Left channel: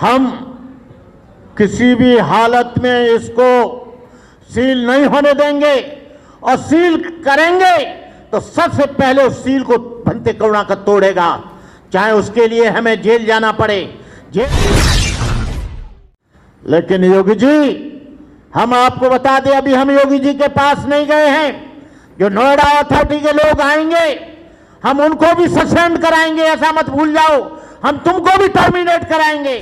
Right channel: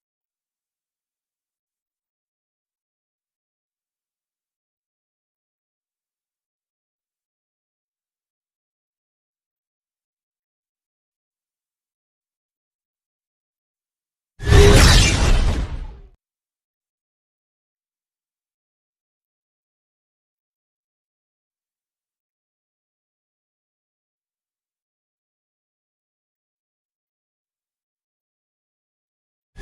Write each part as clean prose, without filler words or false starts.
हम किसी भी हालत में इसको सील नहीं होने देंगे और सील करेंगे तो सबसे पहले उस सील को भंते करुणाकर तोड़ेगा, चाहे उसके लिए हमें जेल जाना पड़े। लेकिन योगी जी, हम आपको बता दें, अभी हम योगी जी के पास नहीं गए हैं। जो नोएडा अथॉरिटी के लोग आएंगे हम उनको भी सस्पेंड कराएंगे, ऐसा मत भूल जाओ। हम तुमको भी टर्मिनेट कराएंगे।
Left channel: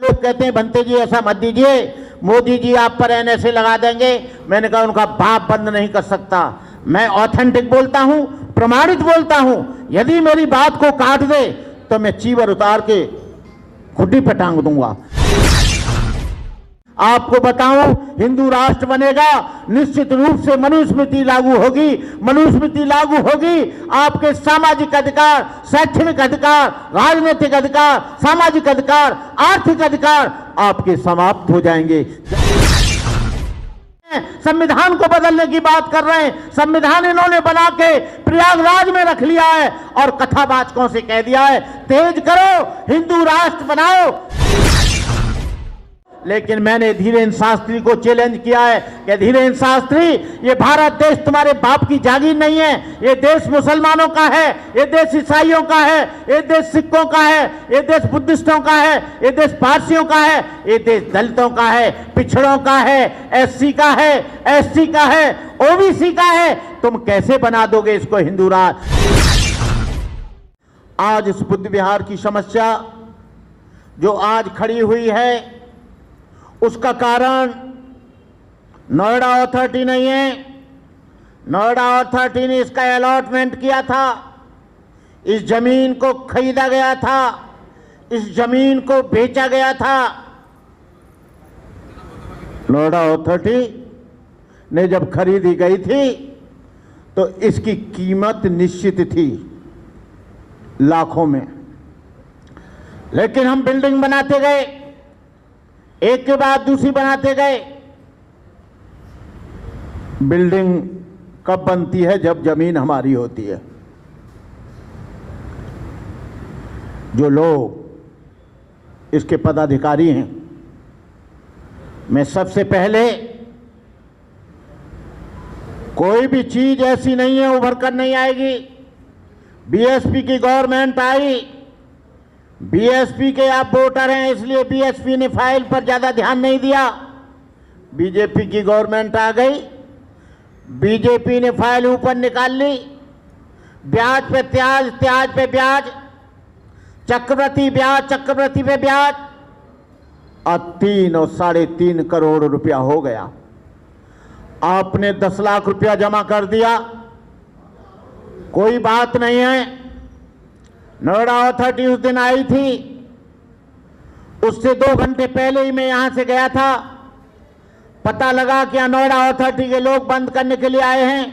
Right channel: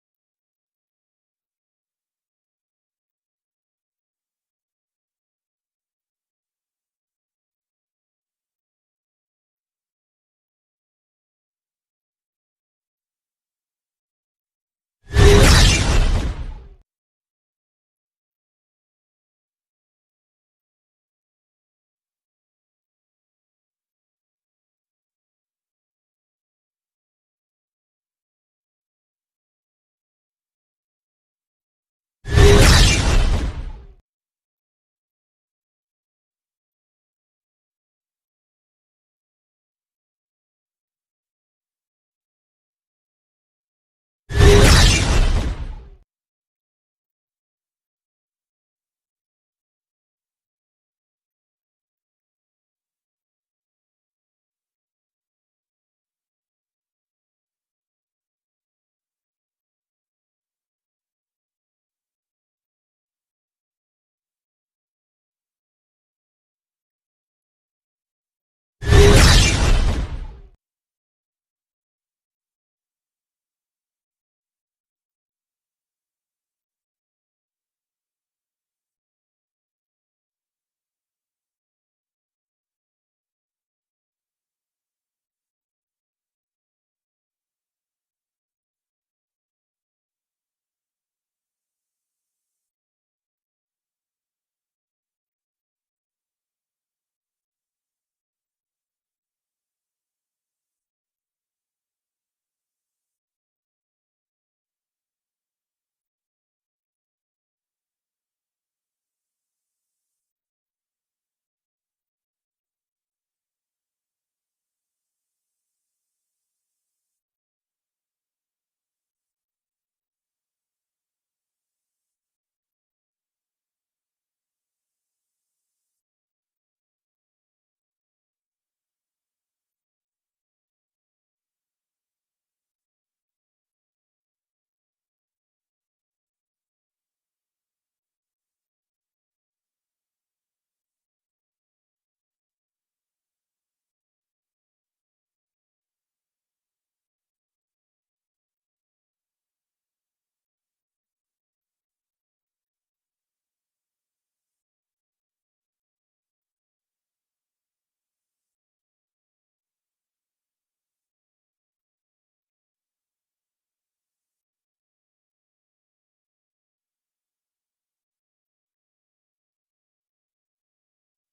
लोग कहते हैं भंते जी ऐसा मत दीजिए, मोदी जी आप पर एनएसए लगा देंगे। मैंने कहा उनका बाप बंद नहीं कर सकता। मैं ऑथेंटिक बोलता हूं, प्रमाणित बोलता हूं। यदि मेरी बात को काट दे तो मैं चीवर उतार के खुड्डी पे टांग दूंगा। आपको बताऊं, हिंदू राष्ट्र बनेगा, निश्चित रूप से मनुस्मृति लागू होगी। मनुस्मृति लागू होगी, आपके सामाजिक अधिकार, शैक्षणिक अधिकार, राजनीतिक अधिकार, सामाजिक अधिकार, आर्थिक अधिकार आपके समाप्त हो जाएंगे। संविधान को बदलने की बात कर रहे हैं। संविधान इन्होंने बना के प्रयागराज में रख लिया है और कथावाचकों से कह दिया है तेज करो, हिंदू राष्ट्र बनाओ। लेकिन मैंने धीरेन्द्र शास्त्री को चैलेंज किया है कि धीरेन्द्र शास्त्री, ये भारत देश तुम्हारे बाप की जागीर नहीं है। ये देश मुसलमानों का है, ये देश ईसाइयों का है, ये देश सिखों का है, ये देश बुद्धिस्टों का है, ये देश पारसियों का है, ये देश दलितों का है, पिछड़ों का है, एससी का है, एसटी का है, ओबीसी का है। तुम कैसे बना दोगे इसको हिंदू राष्ट्र? आज इस बुद्ध विहार की समस्या जो आज खड़ी हुई है, उसका कारण नोएडा अथॉरिटी नहीं है। नोएडा अथॉरिटी ने इसका अलॉटमेंट किया था, इस जमीन को खरीदा गया था, इस जमीन को बेचा गया था। नोएडा अथॉरिटी ने जब खरीदी गई थी तो इसकी कीमत निश्चित थी लाखों में। लेकिन हम बिल्डिंग बनाते गए, एक के बाद दूसरी बनाते गए। बिल्डिंग कब बनती है? जब जमीन हमारी होती है। जो लोग इसके पदाधिकारी हैं, मैं सबसे पहले, कोई भी चीज ऐसी नहीं है उभर कर नहीं आएगी। बीएसपी की गवर्नमेंट आई, बीएसपी के आप वोटर हैं इसलिए बीएसपी ने फाइल पर ज्यादा ध्यान नहीं दिया। बीजेपी की गवर्नमेंट आ गई, बीजेपी ने फाइल ऊपर निकाल ली। ब्याज पे त्याज, त्याज पे ब्याज, चक्रवृद्धि ब्याज, चक्रवृद्धि पे ब्याज, और 3 और 3.5 करोड़ रुपया हो गया। आपने 10 लाख रुपया जमा कर दिया, कोई बात नहीं है। नोएडा अथॉरिटी उस दिन आई थी, उससे 2 घंटे पहले ही मैं यहां से गया था। पता लगा कि नोएडा अथॉरिटी के लोग बंद करने के लिए आए हैं।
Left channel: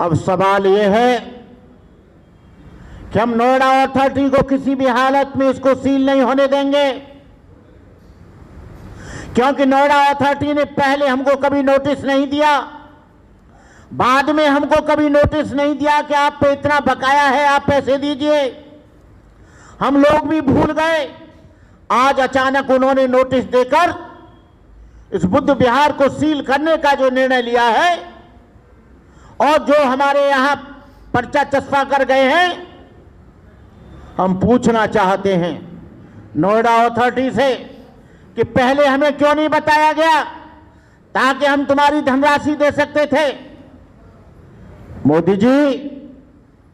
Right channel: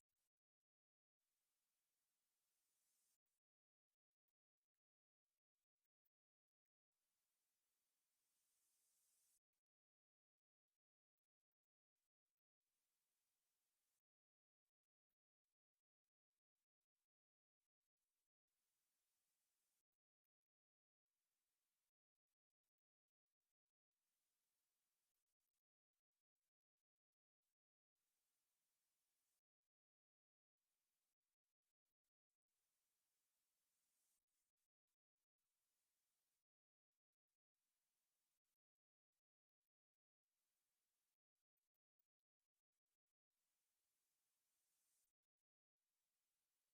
अब सवाल यह है कि हम नोएडा अथॉरिटी को किसी भी हालत में इसको सील नहीं होने देंगे, क्योंकि नोएडा अथॉरिटी ने पहले हमको कभी नोटिस नहीं दिया, बाद में हमको कभी नोटिस नहीं दिया कि आप पे इतना बकाया है, आप पैसे दीजिए। हम लोग भी भूल गए। आज अचानक उन्होंने नोटिस देकर इस बुद्ध विहार को सील करने का जो निर्णय लिया है, और जो हमारे यहां पर्चा चस्पा कर गए हैं, हम पूछना चाहते हैं नोएडा अथॉरिटी से कि पहले हमें क्यों नहीं बताया गया, ताकि हम तुम्हारी धनराशि दे सकते थे। मोदी जी,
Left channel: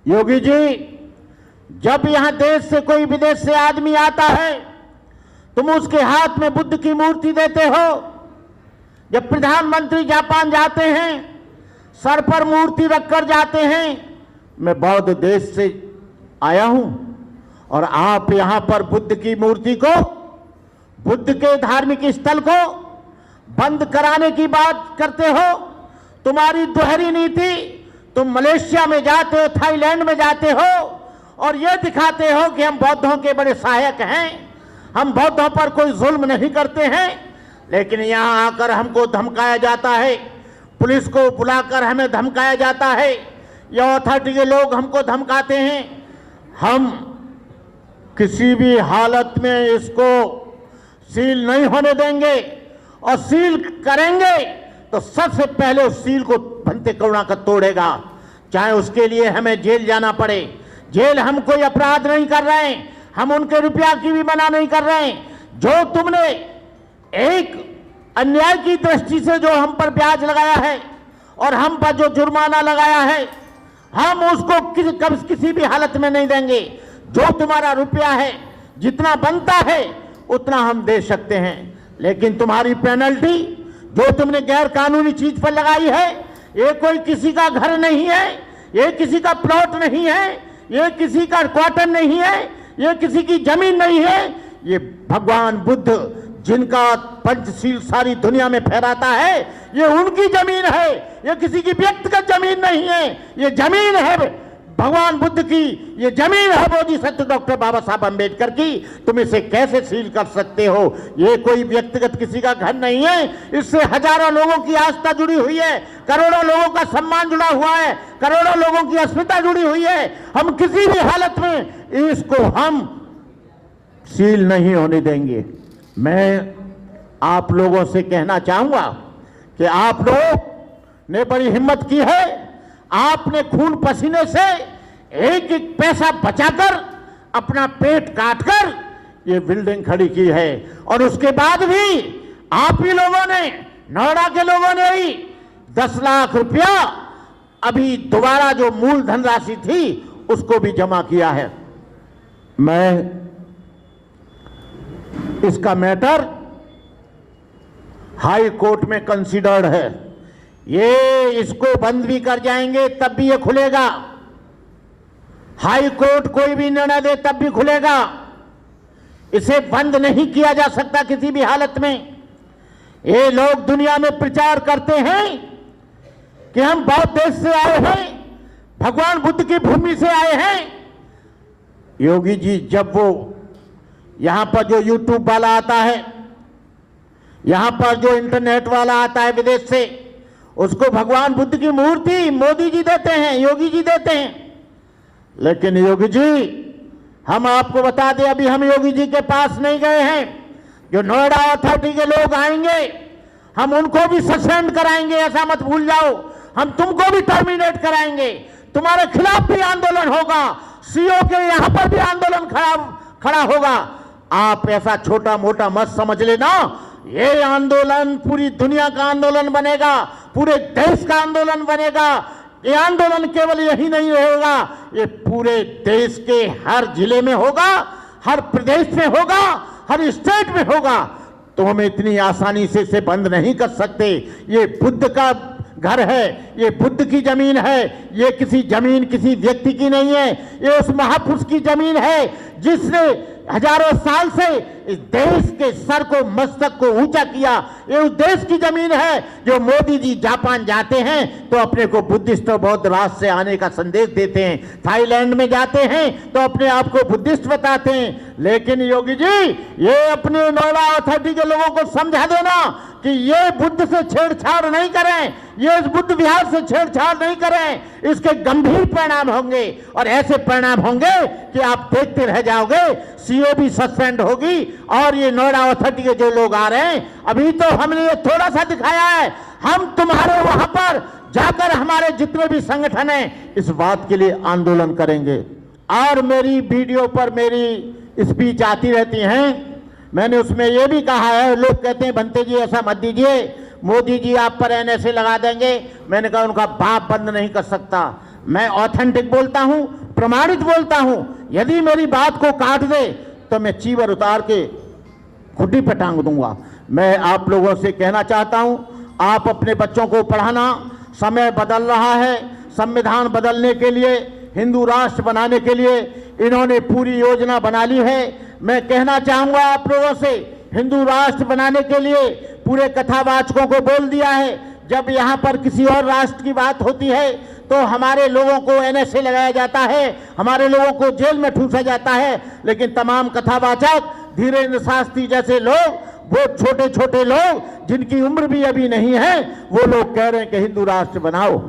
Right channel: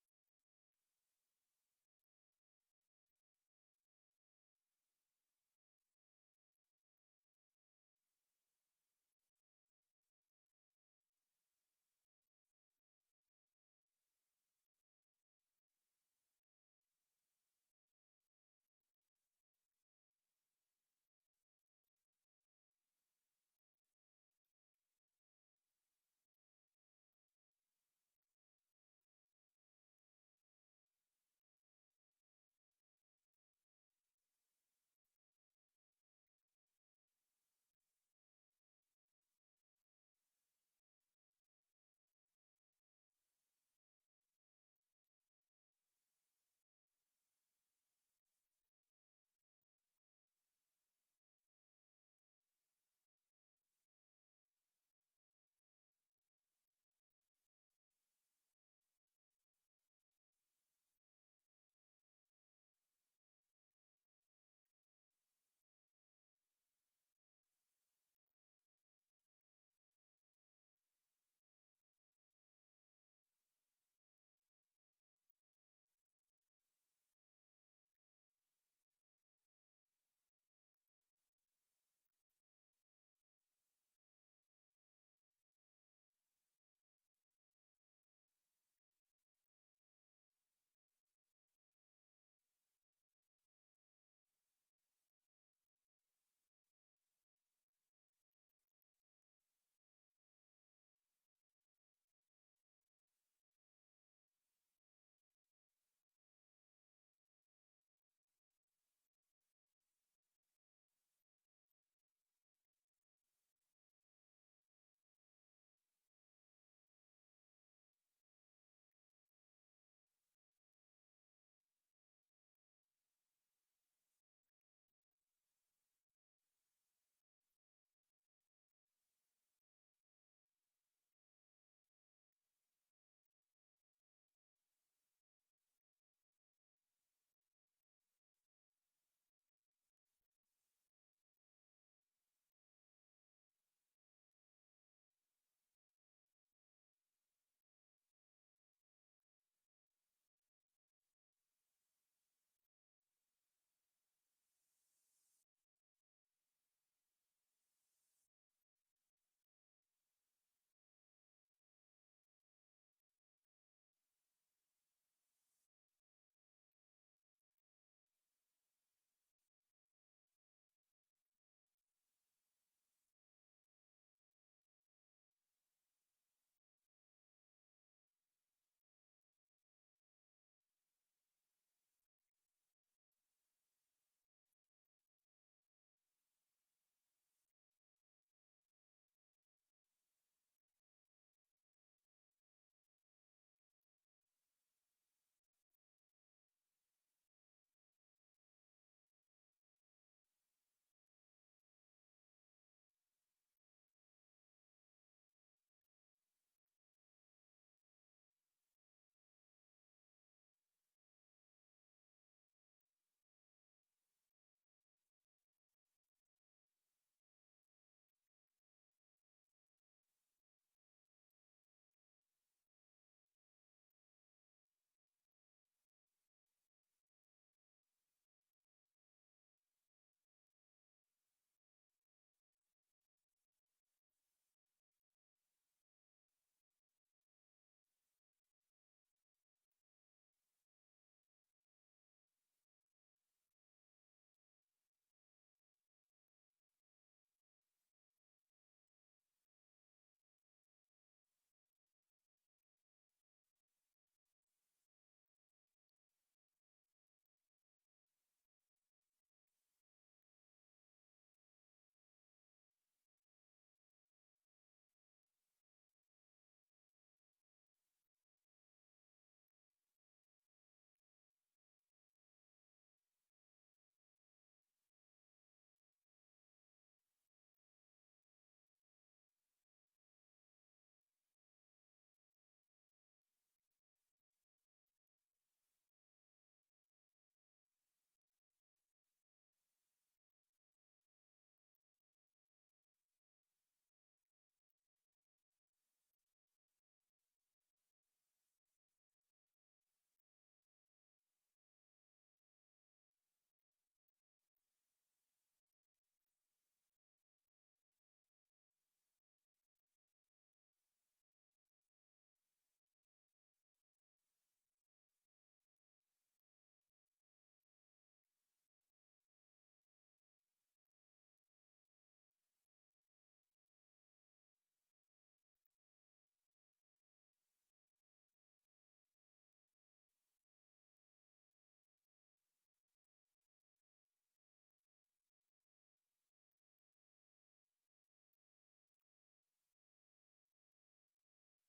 योगी जी, जब यहां देश से कोई विदेश से आदमी आता है तुम उसके हाथ में बुद्ध की मूर्ति देते हो। जब प्रधानमंत्री जापान जाते हैं सर पर मूर्ति रखकर जाते हैं। मैं बौद्ध देश से आया हूं और आप यहां पर बुद्ध की मूर्ति को, बुद्ध के धार्मिक स्थल को बंद कराने की बात करते हो। तुम्हारी दोहरी नीति, तुम मलेशिया में जाते हो, थाईलैंड में जाते हो और यह दिखाते हो कि हम बौद्धों के बड़े सहायक हैं, हम बौद्धों पर कोई जुल्म नहीं करते हैं। लेकिन यहां आकर हमको धमकाया जाता है, पुलिस को बुलाकर हमें धमकाया जाता है, यह अथॉरिटी के लोग हमको धमकाते हैं। हम किसी भी हालत में इसको सील नहीं होने देंगे, और सील करेंगे तो सबसे पहले उस सील को भंते करुणा का तोड़ेगा, चाहे उसके लिए हमें जेल जाना पड़े। जेल हम कोई अपराध नहीं कर रहे हैं, हम उनके रुपया की भी मना नहीं कर रहे हैं। जो तुमने एक अन्याय की दृष्टि से जो हम पर ब्याज लगाया है और हम पर जो जुर्माना लगाया है, हम उसको किसी भी हालत में नहीं देंगे। जो तुम्हारा रुपया है, जितना बनता है उतना हम दे सकते हैं, लेकिन तुम्हारी पेनल्टी जो तुमने गैर कानूनी चीज पर लगाई है, ये कोई किसी का घर नहीं है, ये किसी का प्लॉट नहीं है, ये किसी का क्वार्टर नहीं है, ये किसी की जमीन नहीं है। ये भगवान बुद्ध जिनका पंचशील सारी दुनिया में फहराता है, ये उनकी जमीन है, ये किसी की व्यक्तिगत जमीन नहीं है। ये जमीन है भगवान बुद्ध की, ये जमीन है बोधिसत्व डॉक्टर बाबा साहब अंबेडकर की। तुम इसे कैसे सील कर सकते हो? ये कोई व्यक्तिगत किसी का घर नहीं है, इससे हजारों लोगों की आस्था जुड़ी हुई है, करोड़ों लोगों का सम्मान जुड़ा हुआ है, करोड़ों लोगों की अस्मिता जुड़ी हुई है। हम किसी भी हालत में इसको हम सील नहीं होने देंगे। मैं आप लोगों से कहना चाहूंगा कि आप लोग ने बड़ी हिम्मत की है, आपने खून पसीने से एक एक पैसा बचाकर अपना पेट काटकर ये बिल्डिंग खड़ी की है, और उसके बाद भी आप ही लोगों ने, नोएडा के लोगों ने ही 10 लाख रुपया अभी दोबारा जो मूल धनराशि थी उसको भी जमा किया है। मैं इसका मैटर हाई कोर्ट में कंसीडर्ड है, ये इसको बंद भी कर जाएंगे तब भी ये खुलेगा। हाई कोर्ट कोई भी निर्णय दे तब भी खुलेगा, इसे बंद नहीं किया जा सकता किसी भी हालत में। ये लोग दुनिया में प्रचार करते हैं कि हम बौद्ध देश से आए हैं, भगवान बुद्ध की भूमि से आए हैं। योगी जी, जब वो यहां पर जो यूट्यूब वाला आता है, यहां पर जो इंटरनेट वाला आता है विदेश से, उसको भगवान बुद्ध की मूर्ति मोदी जी देते हैं, योगी जी देते हैं। लेकिन योगी जी, हम आपको बता दें, अभी हम योगी जी के पास नहीं गए हैं। जो नोएडा अथॉरिटी के लोग आएंगे, हम उनको भी सस्पेंड कराएंगे, ऐसा मत भूल जाओ। हम तुमको भी टर्मिनेट कराएंगे, तुम्हारे खिलाफ भी आंदोलन होगा, सीओ के यहां पर भी आंदोलन खड़ा होगा। आप ऐसा छोटा मोटा मत समझ लेना, ये आंदोलन पूरी दुनिया का आंदोलन बनेगा, पूरे देश का आंदोलन बनेगा। ये आंदोलन केवल यही नहीं रहेगा, ये पूरे देश के हर जिले में होगा, हर प्रदेश में होगा, हर स्टेट में होगा। तो हम इतनी आसानी से इसे बंद नहीं कर सकते। ये बुद्ध का घर है, ये बुद्ध की जमीन है, ये किसी जमीन किसी व्यक्ति की नहीं है, ये उस महापुरुष की जमीन है जिसने हजारों साल से इस देश के सर को, मस्तक को ऊंचा किया। ये उस देश की जमीन है जो मोदी जी जापान जाते हैं तो अपने को बुद्धिस्ट और बौद्ध राष्ट्र से आने का संदेश देते हैं, थाईलैंड में जाते हैं तो अपने आप को बुद्धिस्ट बताते हैं। लेकिन योगी जी, ये अपने नोएडा अथॉरिटी के लोगों को समझा देना कि ये बुद्ध से छेड़छाड़ नहीं करें, ये इस बुद्ध विहार से छेड़छाड़ नहीं करें, इसके गंभीर परिणाम होंगे। और ऐसे परिणाम होंगे कि आप देखते रह जाओगे, सीओ भी सस्पेंड होगी। और ये नोएडा अथॉरिटी के जो लोग आ रहे हैं, अभी तो हमने ये थोड़ा सा दिखाया है, हम तुम्हारे वहां पर जाकर हमारे जितने भी संगठन हैं इस बात के लिए आंदोलन करेंगे। और मेरी वीडियो पर मेरी स्पीच आती रहती हैं, मैंने उसमें यह भी कहा है, लोग कहते हैं भंते जी ऐसा मत दीजिए, मोदी जी आप पर एनएसए लगा देंगे। मैंने कहा उनका बाप बंद नहीं कर सकता। मैं ऑथेंटिक बोलता हूं, प्रमाणित बोलता हूं। यदि मेरी बात को काट दे तो मैं चीवर उतार के खुड्डी पे टांग दूंगा। मैं आप लोगों से कहना चाहता हूं, आप अपने बच्चों को पढ़ाना, समय बदल रहा है, संविधान बदलने के लिए, हिंदू राष्ट्र बनाने के लिए इन्होंने पूरी योजना बना ली है। मैं कहना चाहूंगा आप लोगों से, हिंदू राष्ट्र बनाने के लिए पूरे कथावाचकों को बोल दिया है। जब यहाँ पर किसी और राष्ट्र की बात होती है तो हमारे लोगों को एनएसए लगाया जाता है, हमारे लोगों को जेल में ठूसा जाता है। लेकिन तमाम कथावाचक, धीरेन्द्र शास्त्री जैसे लोग, वो छोटे छोटे लोग जिनकी उम्र भी अभी नहीं है, वो लोग कह रहे हैं कि हिंदू राष्ट्र बनाओ।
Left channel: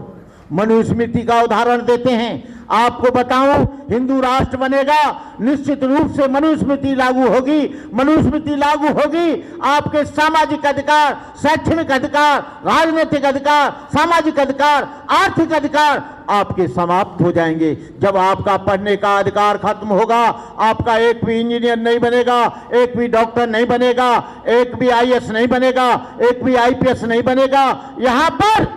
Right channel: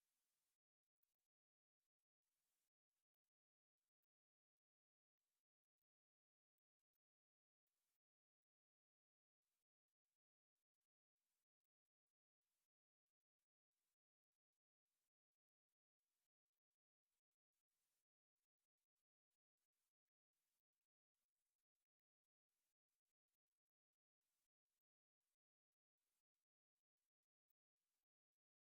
मनुस्मृति का उदाहरण देते हैं, आपको बताऊं, हिंदू राष्ट्र बनेगा, निश्चित रूप से मनुस्मृति लागू होगी। मनुस्मृति लागू होगी, आपके सामाजिक अधिकार, शैक्षणिक अधिकार, राजनीतिक अधिकार, सामाजिक अधिकार, आर्थिक अधिकार आपके समाप्त हो जाएंगे। जब आपका पढ़ने का अधिकार खत्म होगा, आपका एक भी इंजीनियर नहीं बनेगा, एक भी डॉक्टर नहीं बनेगा, एक भी आईएएस नहीं बनेगा, एक भी आईपीएस नहीं बनेगा। यहां पर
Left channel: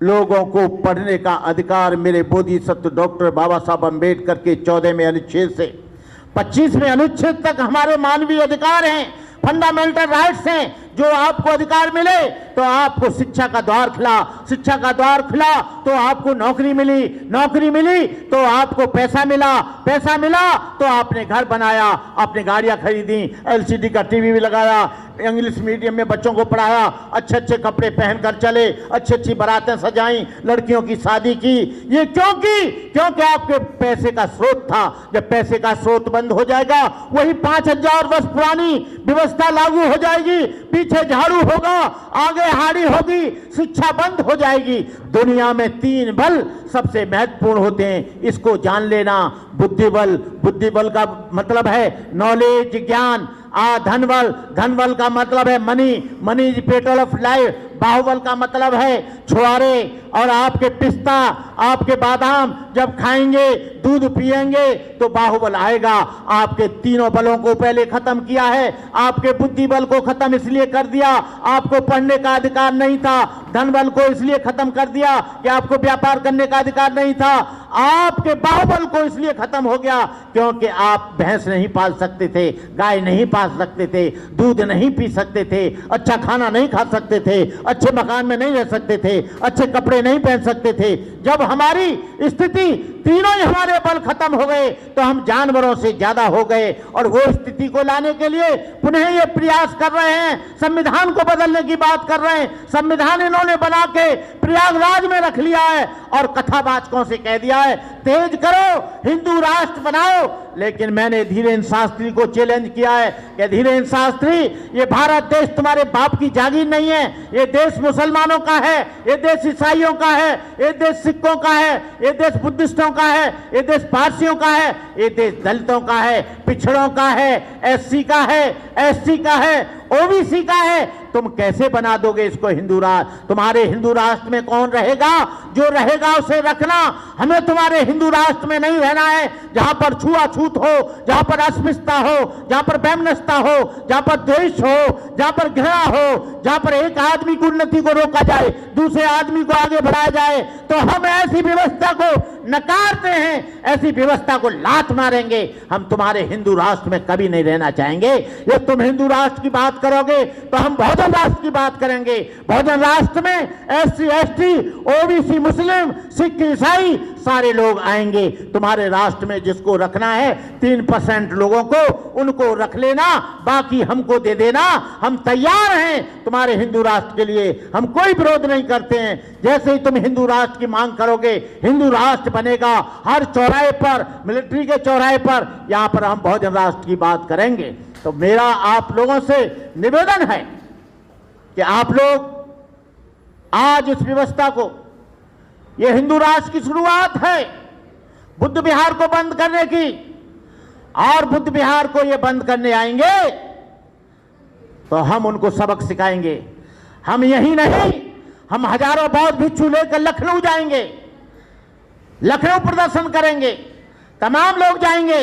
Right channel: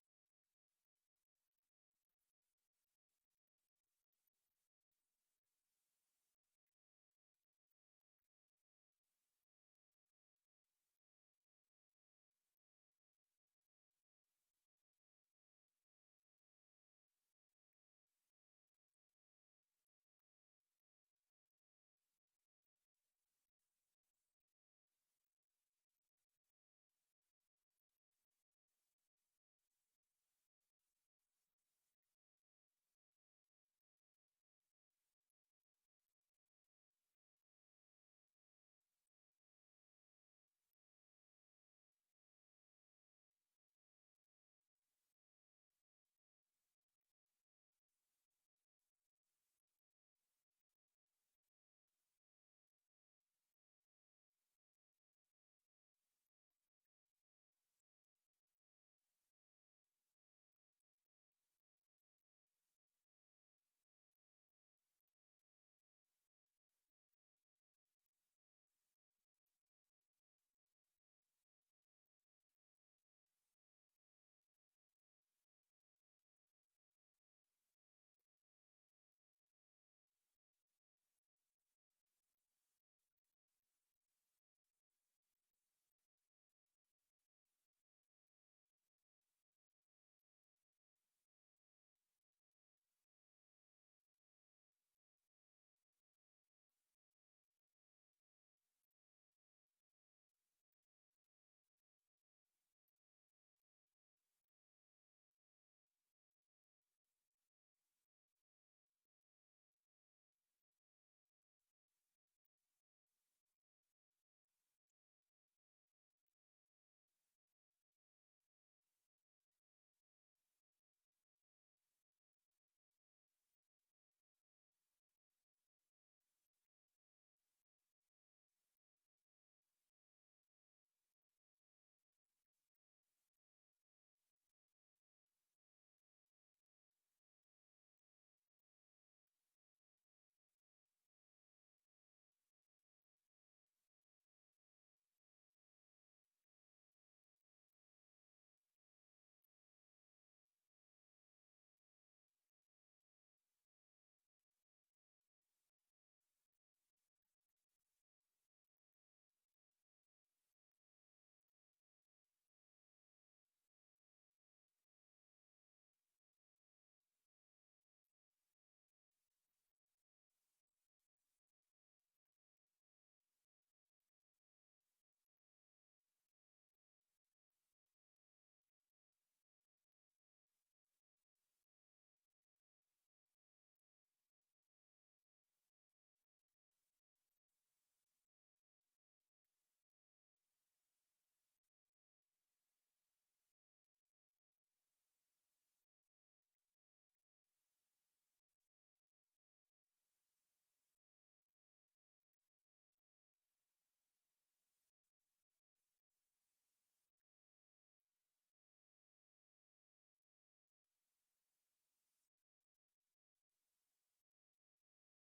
लोगों को पढ़ने का अधिकार मेरे बोधिसत्व डॉक्टर बाबा साहब अंबेडकर के 14वें अनुच्छेद से 25वें अनुच्छेद तक हमारे मानवीय अधिकार हैं, फंडामेंटल राइट्स हैं। जो आपको अधिकार मिले तो आपको शिक्षा का द्वार खुला, शिक्षा का द्वार खुला तो आपको नौकरी मिली, नौकरी मिली तो आपको पैसा मिला, पैसा मिला तो आपने घर बनाया, आपने गाड़ियां खरीदी, एलसीडी का टीवी भी लगाया, इंग्लिश मीडियम में बच्चों को पढ़ाया, अच्छे अच्छे कपड़े पहनकर चले, अच्छी अच्छी बारातें सजाई, लड़कियों की शादी की। ये क्योंकि आपके पैसे का स्रोत था। जब पैसे का स्रोत बंद हो जाएगा, वही 5000 वर्ष पुरानी व्यवस्था लागू हो जाएगी, पीछे झाड़ू होगा, आगे हाड़ी होगी, शिक्षा बंद हो जाएगी। दुनिया में 3 बल सबसे महत्वपूर्ण होते हैं, इसको जान लेना। बुद्धिबल, बुद्धिबल का मतलब है नॉलेज, ज्ञान। धनबल, धनबल का मतलब है money, money is petrol of life. बाहुबल का मतलब है छुआरे। और आपके पिस्ता, आपके बादाम जब खाएंगे, दूध पिएंगे तो बाहुबल आएगा। आपके तीनों बलों को पहले खत्म किया है। आपके बुद्धि बल को खत्म इसलिए कर दिया, आपको पढ़ने का अधिकार नहीं था। धन बल को इसलिए खत्म कर दिया कि आपको व्यापार करने का अधिकार नहीं था। आपके बाहुबल को इसलिए खत्म हो गया क्योंकि आप भैंस नहीं पाल सकते थे, गाय नहीं पाल सकते थे, दूध नहीं पी सकते थे, अच्छा खाना नहीं खा सकते थे, अच्छे मकान में नहीं रह सकते थे, अच्छे कपड़े नहीं पहन सकते थे। जब हमारी स्थिति, तीनों ही हमारे बल खत्म हो गए तो हम जानवरों से ज्यादा हो गए। और वो स्थिति को लाने के लिए पुनः ये प्रयास कर रहे हैं, संविधान को बदलने की बात कर रहे हैं। संविधान इन्होंने बना के प्रयागराज में रख लिया है और कथावाचकों से कह दिया है तेज करो, हिंदू राष्ट्र बनाओ। लेकिन मैंने धीरेन्द्र शास्त्री को चैलेंज किया है कि धीरेन्द्र शास्त्री, ये भारत देश तुम्हारे बाप की जागीर नहीं है, ये देश मुसलमानों का है, ये देश ईसाइयों का है, ये देश सिखों का है, ये देश बुद्धिस्टों का है, ये देश पारसियों का है, ये देश दलितों का है, पिछड़ों का है, एससी का है, एसटी का है, ओबीसी का है। तुम कैसे बना दोगे इसको हिंदू राष्ट्र? तुम्हारे हिंदू राष्ट्र में कौन रहेगा? जो रहेगा उसे रखना। हमें तुम्हारे हिंदू राष्ट्र में नहीं रहना है जहां पर छुआछूत हो, जहां पर अस्पृश्यता हो, जहां पर वैमनस्यता हो, जहां पर द्वेष हो, जहां पर घृणा हो, जहां पर एक आदमी की उन्नति को रोका जाए, दूसरे आदमी को आगे बढ़ाया जाए। तो हम ऐसी व्यवस्था को नकारते हैं, ऐसी व्यवस्था को लात मारेंगे। हम तुम्हारे हिंदू राष्ट्र में कभी नहीं रहना चाहेंगे। ये तुम हिंदू राष्ट्र की बात करोगे तो हम बहुजन राष्ट्र की बात करेंगे। बहुजन राष्ट्र में एससी, एसटी, ओबीसी, मुस्लिम, सिख, ईसाई सारे लोग आएंगे। तुम्हारे राष्ट्र में जिसको रखना है 3% लोगों को, उनको रख लेना, बाकी हमको दे देना। हम तैयार हैं तुम्हारे हिंदू राष्ट्र के लिए, हम कोई विरोध नहीं करते हैं। जैसे ही तुम हिंदू राष्ट्र की मांग करोगे, हिंदू राष्ट्र बनेगा। हर चौराहे पर, मिलिट्री के चौराहे पर, यहां पर हम बहुजन राष्ट्र की बात करेंगे। तो मेरा आप लोगों से निवेदन है कि आप लोग आज इस व्यवस्था को, यह हिंदू राष्ट्र की शुरुआत है बुद्ध विहार को बंद करने की, और बुद्ध विहार को ये बंद करने आएंगे तो हम उनको सबक सिखाएंगे। हम यही नहीं, हम हजारों बौद्ध भिक्षु लेकर लखनऊ जाएंगे, लखनऊ प्रदर्शन करेंगे, तमाम लोग जाएंगे।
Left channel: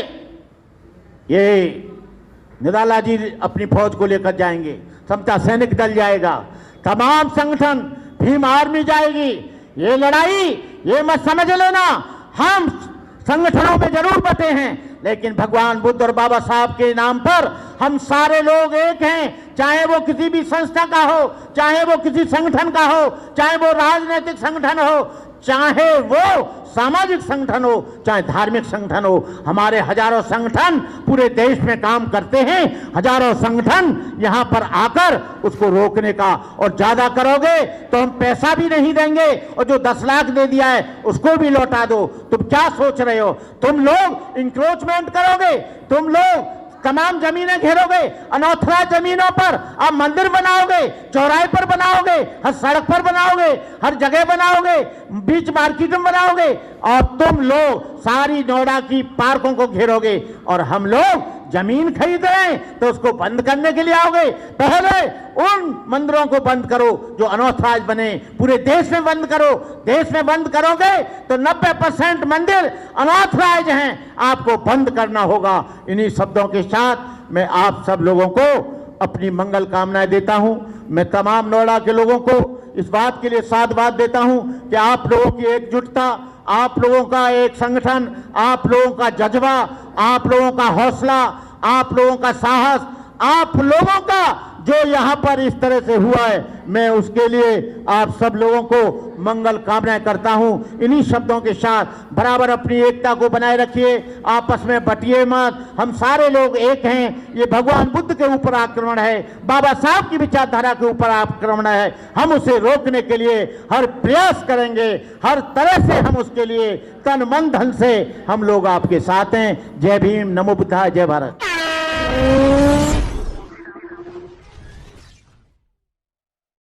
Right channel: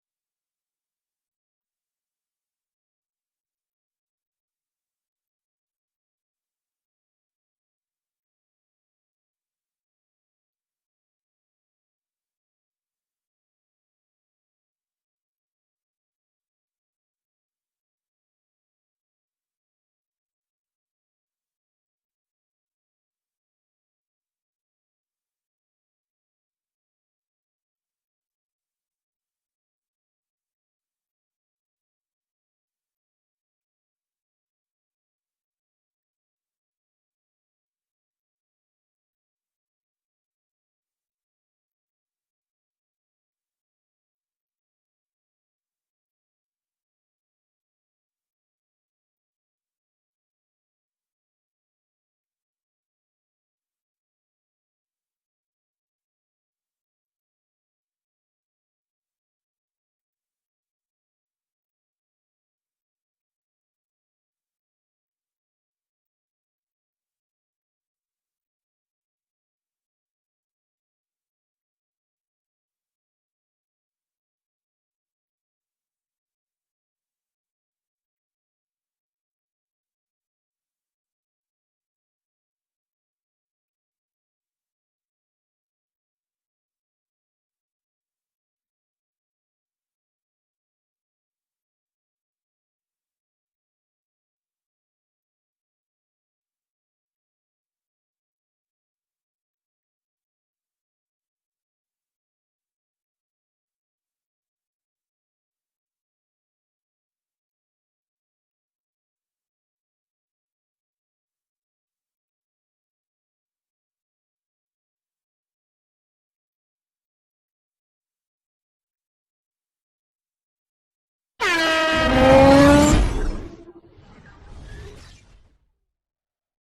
ये निराला जी अपनी फौज को लेकर जाएंगे, समता सैनिक दल जाएगा, तमाम संगठन, भीम आर्मी जाएगी। ये लड़ाई, ये मत समझ लेना हम संगठनों में जरूर बटे हैं, लेकिन भगवान बुद्ध और बाबा साहब के नाम पर हम सारे लोग एक हैं। चाहे वो किसी भी संस्था का हो, चाहे वो किसी संगठन का हो, चाहे वो राजनीतिक संगठन हो, चाहे वो सामाजिक संगठन हो, चाहे धार्मिक संगठन हो। हमारे हजारों संगठन पूरे देश में काम करते हैं। हजारों संगठन यहां पर आकर उसको रोकने का, और ज्यादा करोगे तो हम पैसा भी नहीं देंगे, और जो 10 लाख दे दिया है उसको भी लौटा दो। तुम क्या सोच रहे हो? तुम लोग इंक्रोचमेंट करोगे, तुम लोग तमाम जमीनें घेरोगे, अनऑथराइज्ड जमीनों पर आप मंदिर बनाओगे, चौराहे पर बनाओगे, हर सड़क पर बनाओगे, हर जगह बनाओगे, बीच मार्केट में बनाओगे, और तुम लोग सारी नोएडा की पार्कों को घेरोगे, और हम लोग जमीन खरीद रहे हैं तो उसको बंद करने के लिए आओगे। पहले उन मंदिरों को बंद करो जो अनऑथराइज्ड बने, पूरे देश में बंद करो। देश में बंद करोगे तो 90% मंदिर अनऑथराइज्ड हैं, आपको बंद करना होगा। इन्हीं शब्दों के साथ मैं आप सब लोगों को अपनी मंगल कामनाएं देता हूं। मैं तमाम नोएडा के लोगों को इस बात के लिए साधुवाद देता हूं कि आप लोगों की एकजुटता, आप लोगों का एक संगठन, आप लोगों का जज्बा, आप लोगों का हौसला, आप लोगों का साहस, आप लोगों का जो यहाँ पर इस तरह से हुआ है, मैं उसके लिए आप सब लोगों को मंगल कामनाएं करता हूं। इन्हीं शब्दों के साथ बराबर अपनी एकता को बनाए रखिए, आपस में बटिए मत। हम सारे लोग एक हैं। ये भगवान बुद्ध के ऊपर आक्रमण है, बाबा साहब की विचारधारा के ऊपर आक्रमण है। हम उसे रोकने के लिए हर प्रयास करेंगे, हर तरह से हम उसके लिए तन मन धन से हम लोग आपके साथ हैं। जय भीम, नमो बुद्धाय, जय भारत।